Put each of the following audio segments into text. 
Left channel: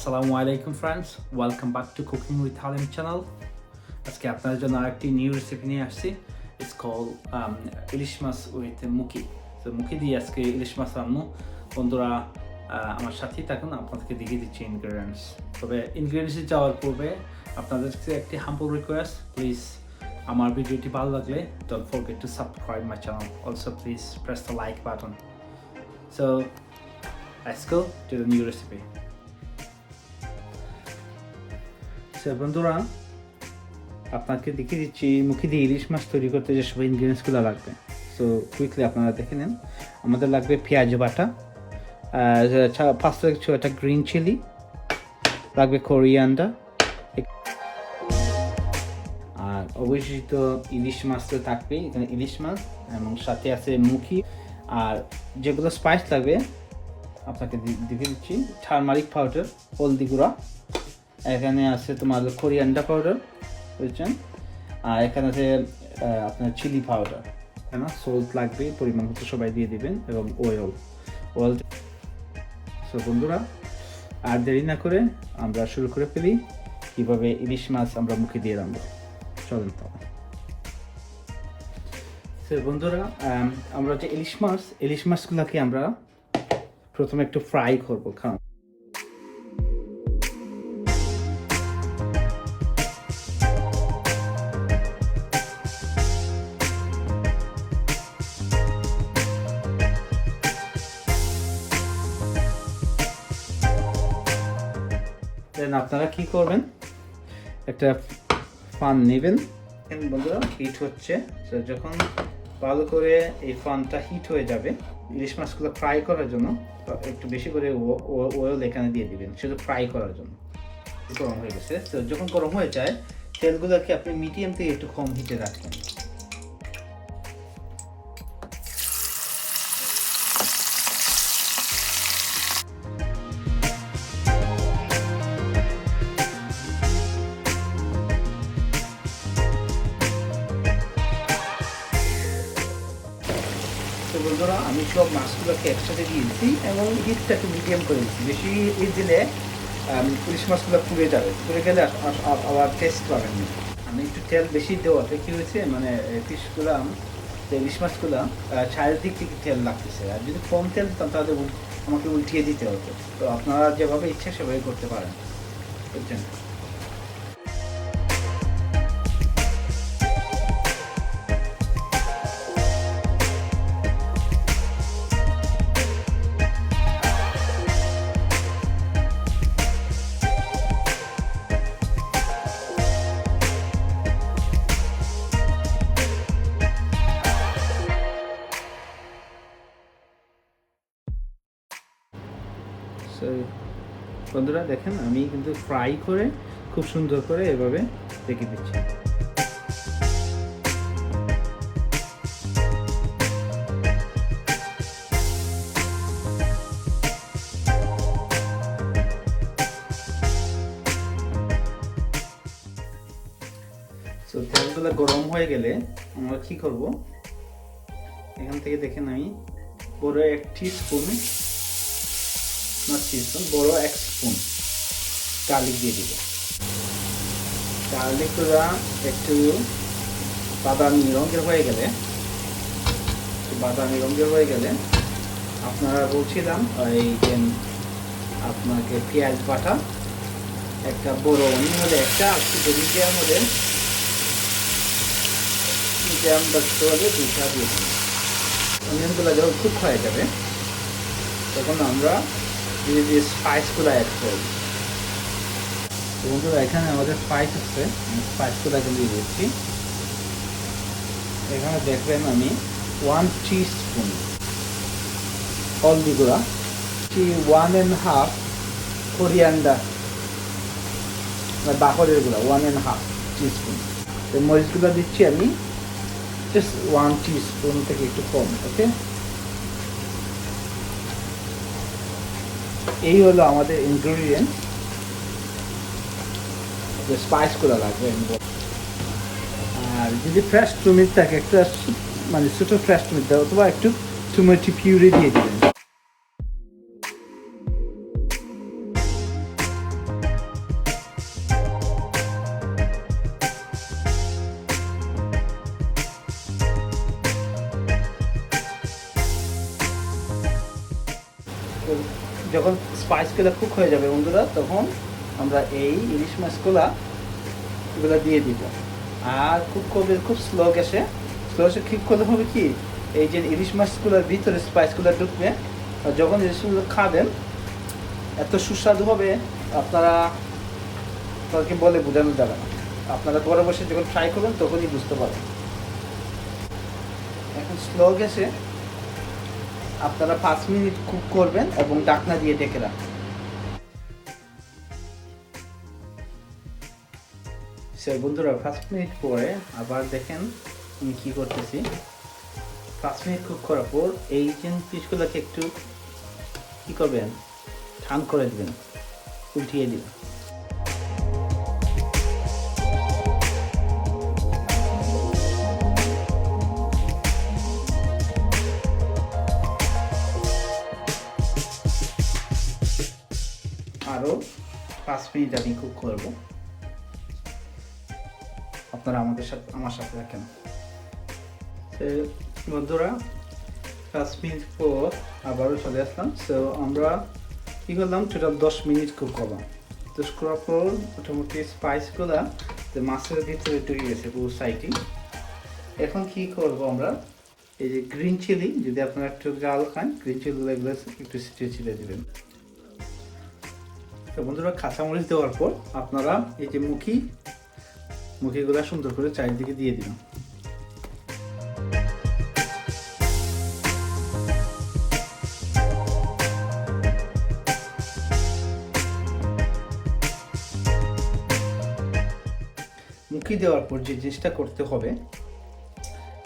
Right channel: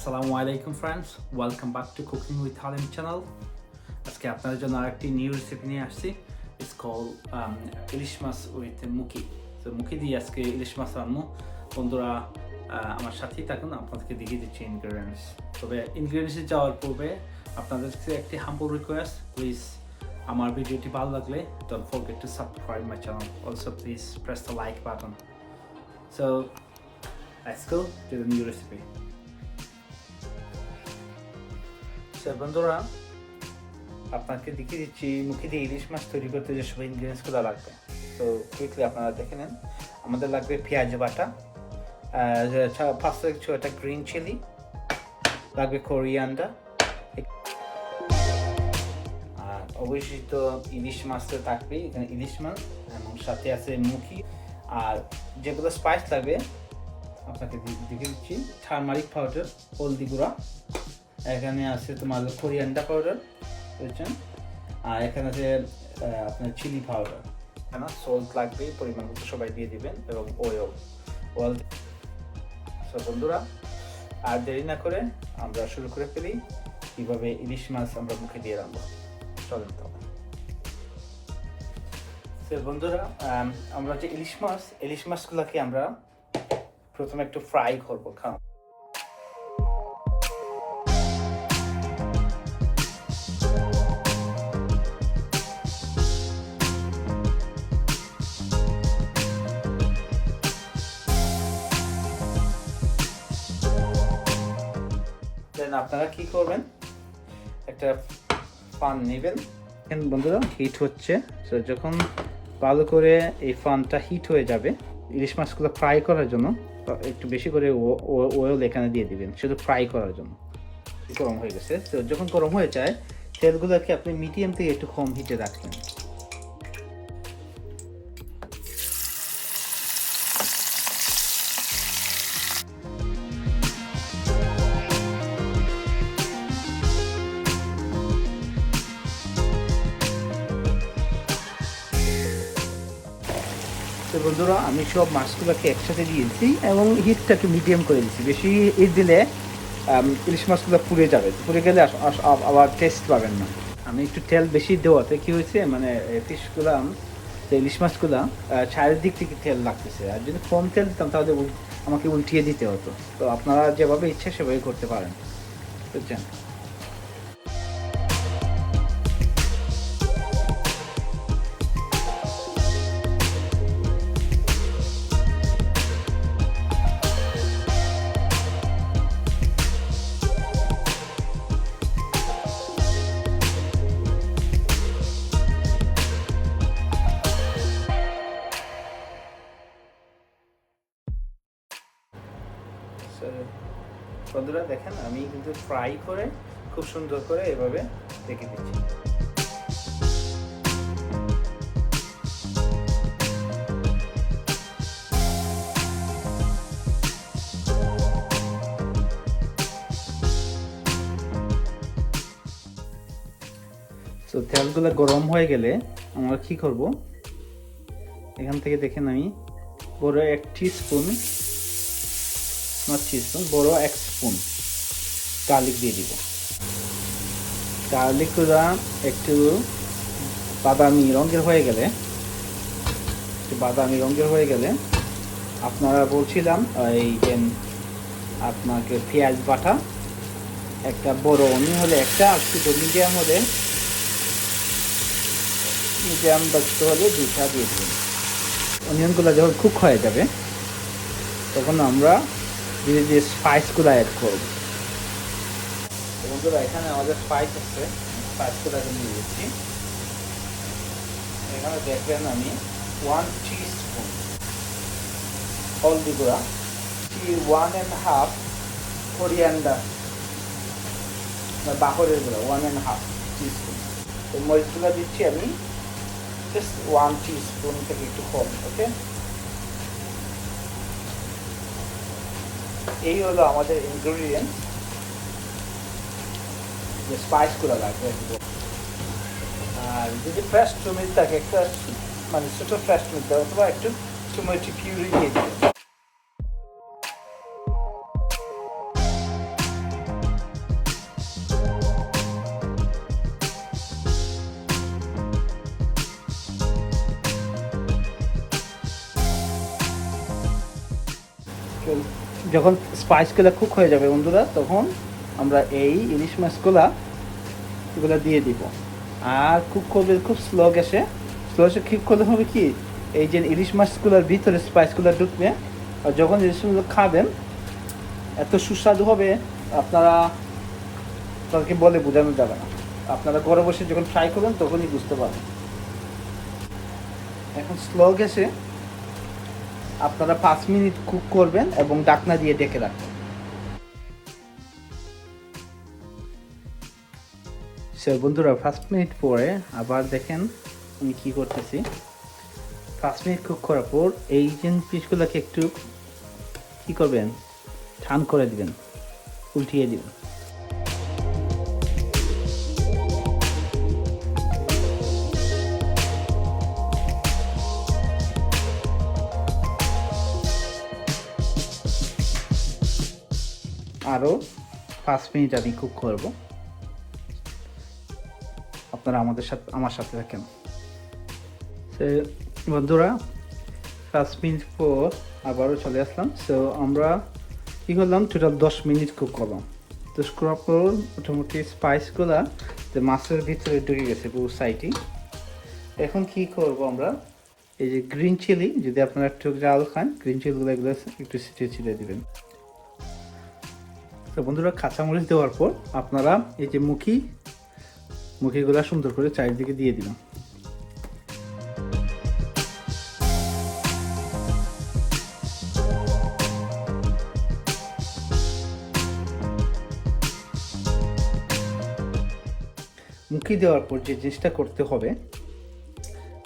Assalamu alaikum friends, welcome back to Cooking with Halim channel. আজকে আপনাদের জন্য আরেকটি নিউ রেসিপি নিয়ে আসছি। It's called ilish much with মুখি। তো মুখি দিয়ে আজকে ইলিশ মাছ রান্না। বন্ধুরা আমার সাথেই থাকুন, আপনাদেরকে দেখিয়ে দিচ্ছি ইনগ্রেডিয়েন্টস। তবে ইনগ্রেডিয়েন্টসে যাওয়ার পূর্বে আপনাদেরকে একটি হাম্বল রিকোয়েস্ট, প্লিজ আমার ভিডিওটি ভালো লাগলে don't forget to subscribe my channel. Also please press the like button. So let's go to the new recipe. বন্ধুরা আপনাকে দেখিয়ে দিচ্ছি মুখি দিয়ে ইলিশ মাছ তৈরি করতে যে সব ইনগ্রেডিয়েন্টসগুলো লাগবে। সো কুইকলি আপনারা দেখে নেন। আমাদের লাগবে পেঁয়াজ বাটা, 5 থেকে 6টা গ্রিন চিলি, লাগবে কোরিয়ান্ডার, আর অবশ্যই তো ইলিশ মাছ তো থাকবেই, এখানে ইলিশ মাছ এবং সাথে আছে মুখি। আর যেগুলো স্পাইস লাগবে আপনাকে দেখিয়ে দিচ্ছি, টারমারিক পাউডার, হলদি গুঁড়া, এখানে আছে তোমার কোরিয়ান্ডার পাউডার, বুঝছেন, আর এখানে আছে আপনার চিলি পাউডার, কেন সল্ট লাগবে পরিমাণ মতো সবাই দিয়ে দিবেন, এবং অয়েল। সো বন্ধুরা আর দেরি না করে আমরা শুরু করে ফেলি কিভাবে ইলিশ মাছ আমরা মুখে দিয়ে রান্না। চলুন তো। সো বন্ধুরা আমরা যে ইলিশ মাছগুলোকে আমরা প্রথমে একটু ফ্রাই করবো। আপনারা কি করবেন, একটা ফান নেবেন, বন্ধুরা হিট হচ্ছে। তো যখন ভালো করে এই ফানটা হিট হয়ে যাবে, ইলিশ মাছগুলো ফ্রাই করার জন্য একটু বেশি করে অয়েল এখানে দিয়ে দিবেন, শুধু ফ্রাই করার জন্য। গরম হয়ে গেছে। তো যখন গরম হয়ে যায় তেলগুলোকে আপনি মিডিয়াম থেকে একটু কম হিটে রাখবেন। তো বন্ধুরা আমি সব মাছগুলোকে একসাথে দিয়েছি এবং হিটটা একটু মিডিয়াম করে দিচ্ছি। বেশি হিট দিলে ইলিশ মাছগুলো পুড়ে যাবে, পুড়ে গেলে আবার টেস্ট পাবেন না। আমি একটু তেল বেশি দেওয়াতে কী হয়েছে, মানে ফিশগুলো ইলিশ মাছগুলো চারিদিক থেকে তেল লাগতেছে। আর যদি কম তেল দিতাম তাহলে আমাকে উল্টিয়ে দিতে হতো। তো আপনারা যেভাবে ইচ্ছে সেভাবে করতে পারেন, বুঝছেন। বন্ধুরা দেখেন আমি কিন্তু ফ্রাই করে খুব সুন্দর করে এভাবে রেখে দিচ্ছি। তো তেলগুলো গরম হয়ে গেলে আমরা কি করব, এখান থেকে দেখেন আমি বড় 1 টিস্পুন, বড় 1 স্পুন গার্লিক দিয়ে দিব। গার্লিকটা একটু বাদামি রঙের হয়ে গেলে আপনারা বলছিলাম এই যে আপনাকে পেঁয়াজ বাটা একটা বড় অনিয়ন হলে একটা, একটু মিডিয়াম হলে বাড়তে হলে 2টা দিয়ে দিন। অনিয়নগুলো যখন কুক হয়ে যাবে তখন আমরা ধীরে ধীরে স্পাইসগুলো অ্যাড করব। ওগুলো এখানে আমাদের স্পাইস আছে, স্পাইসগুলো দিয়ে দিচ্ছি। এখানে দেখবেন আমি 1 টিস্পুন হলদি গুঁড়া, 1.5 কোরিয়ান্ডার বাকরের গুঁড়া 1.5 টিস্পুন। তো মরিচগুলো দিচ্ছি আমি জাস্ট 1 টিস্পুন থেকে একটু কম। ওকে, এই হলো আমাদের ইনগ্রেডিয়েন্ট, যে স্পাইসগুলো লাগবে। আর যদি ফ্রেশ টমেটো থাকে একটা, মানে ছোটো ফ্রেশ টমেটো অথবা একটু টমেটো পিউরি দিয়ে দিবেন। যখন স্পাইসগুলো কুক হয়ে যাবে বন্ধুরা, তখন আমরা এই ইলিশ মাছগুলা এগুলো দিয়ে দিব। আর কুক করবে খুব স্লো গ্যাসে কুক করলে হবে কি, এই যে ইলিশ মাছগুলোর ভিতরে স্পাইসগুলো ঢুকবে, আর যখন ইলিশ মাছগুলো খাবেন এত সুস্বাদু হবে, আপনারা তাদেরকে বলে বোঝানো যাবে না। আপনারা ঘরে বসে যখন ট্রাই করবেন তখনই বুঝতে পারবেন। এখন স্লো গ্যাসে আপনারা 5 মিনিট কুক করবেন এবং ঢাকনা দিয়ে ঢেকে রাখবেন। বন্ধুরা 5 মিনিট পরে আবার দেখেন আমি কি করতেছি। 5 মিনিট কুক করার পর এই পিসগুলোকে একটু কি করবেন, ঠান করে দিবেন, উল্টিয়ে দিবেন। আরো 5 মিনিট আমি কুক করব। আপনারা আমার সাথে থাকেন। বন্ধুরা 5 মিনিট পর আবারও চলে আসলাম। আমরা কি করলাম, টোটাল 10 মিনিট কুক করলাম। তো করার পর মোটামুটি স্পাইসগুলো মাছের ভিতরে ঢুকে গেছে পুরো সাইডে। এখন কি করব আমরা, এই যে গ্রিন চিলি, যদি আপনারা একটু ঝাল খান, গ্রিন চিলিগুলো এগুলো একটু ছিটিয়ে দিবেন। তো বন্ধুরা কাঁচামরিচ দেওয়ার পর আপনারা এই যে মুখিগুলো সুন্দর করে চারিদিকে দিয়ে দিবেন। মুখি দেওয়ার পর যে জিনিসটা করতে হবে,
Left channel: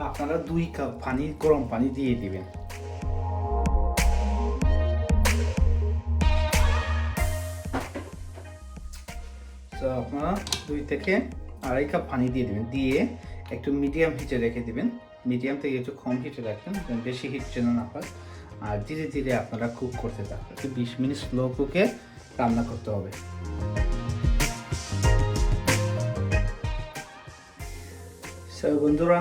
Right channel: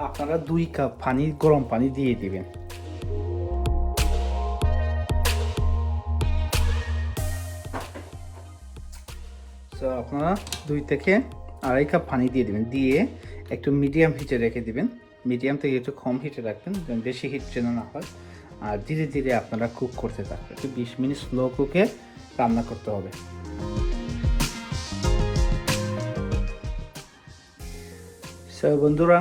আপনারা 2 কাপ পানি, গরম পানি দিয়ে দিবেন। তো আপনারা 2 থেকে 2.5 কাপ পানি দিয়ে দিবেন, দিয়ে একটু মিডিয়াম হিটে রেখে দিবেন। মিডিয়াম থেকে একটু কম হিটে রাখবেন, বেশি হিট যেন না হয়। আর ধীরে ধীরে আপনারা কুক করতে থাকবেন। একটু 20 মিনিট স্লো কুকে রান্না করতে হবে। বন্ধুরা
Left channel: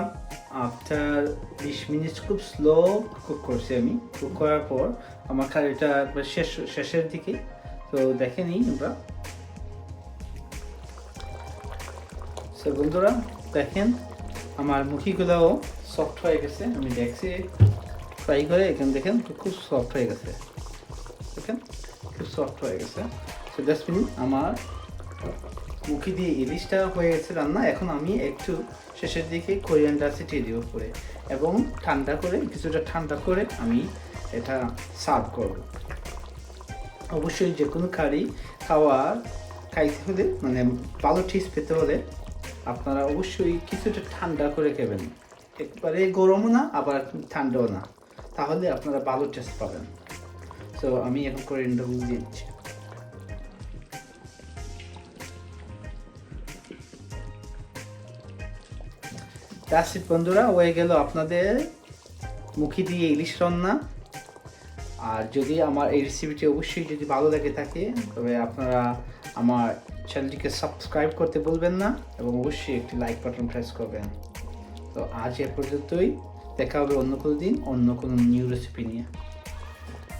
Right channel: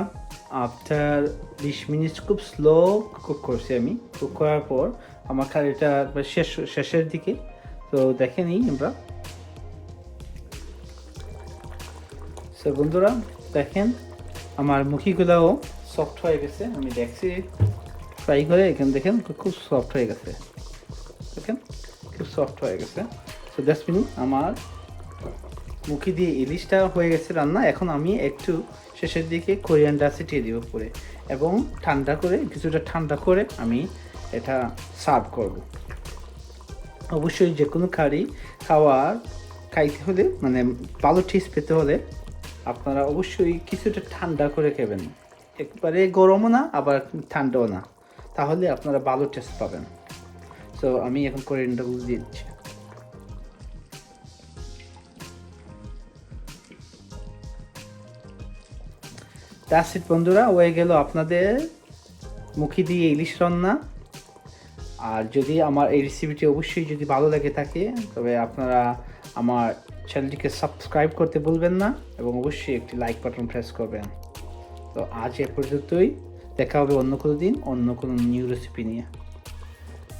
আফটার 20 মিনিট খুব স্লো কুক করছি আমি। কুক করার পর আমার এটা শেষের দিকে। তো দেখে নিই আমরা। বন্ধুরা দেখেন আমার মুখিগুলোও সফট হয়ে গেছে। আমি দেখছি ফ্রাই করে, এখানে দেখেন খুব সফট হয়ে গেছে। দেখেন খুব সফট হয়ে গেছে। তো 10 মিনিট আমার মুখি দিয়ে ইলিশটা হয়ে গেছে রান্না। এখন আমি একটু শেষের দিকে কোরিয়ান্ডার ছিটিয়ে দিব উপরে, এবং কিছুটা ঠান্ডা করে আমি এটা সার্ভ করব। অবশ্যই যে কোনো খাইতে হলে, মানে ভালো টেস্ট পেতে হলে আপনারা অবশ্যই কিছুটা ঠান্ডা করে খাবেন। একবারে গরমও না, আবার ঠান্ডাও না, তাহলে আপনারা ভালো টেস্ট পাবেন। তো আমি এখন কোরিয়ান্ডারগুলো দিয়ে দিচ্ছি। বন্ধুরা হয়ে গেল আপনাদের মুখি দিয়ে ইলিশ রান্না। আর যদি আমার এই রেসিপিটি অবশ্যই যদি ভালো লাগে থাকে, তবে আপনারা আমার চ্যানেলটিকে সাবস্ক্রাইব করতে ভুলবেন না, এবং অবশ্যই একটি লাইক বাটন প্রেস করবেন। তো আজ এ পর্যন্তই, দেখা হবে অন্য কোনো দিন অন্য কোনো নিউ রেসিপি নিয়ে।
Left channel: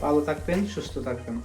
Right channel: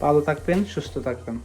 ভালো থাকবেন, সুস্থ থাকবেন।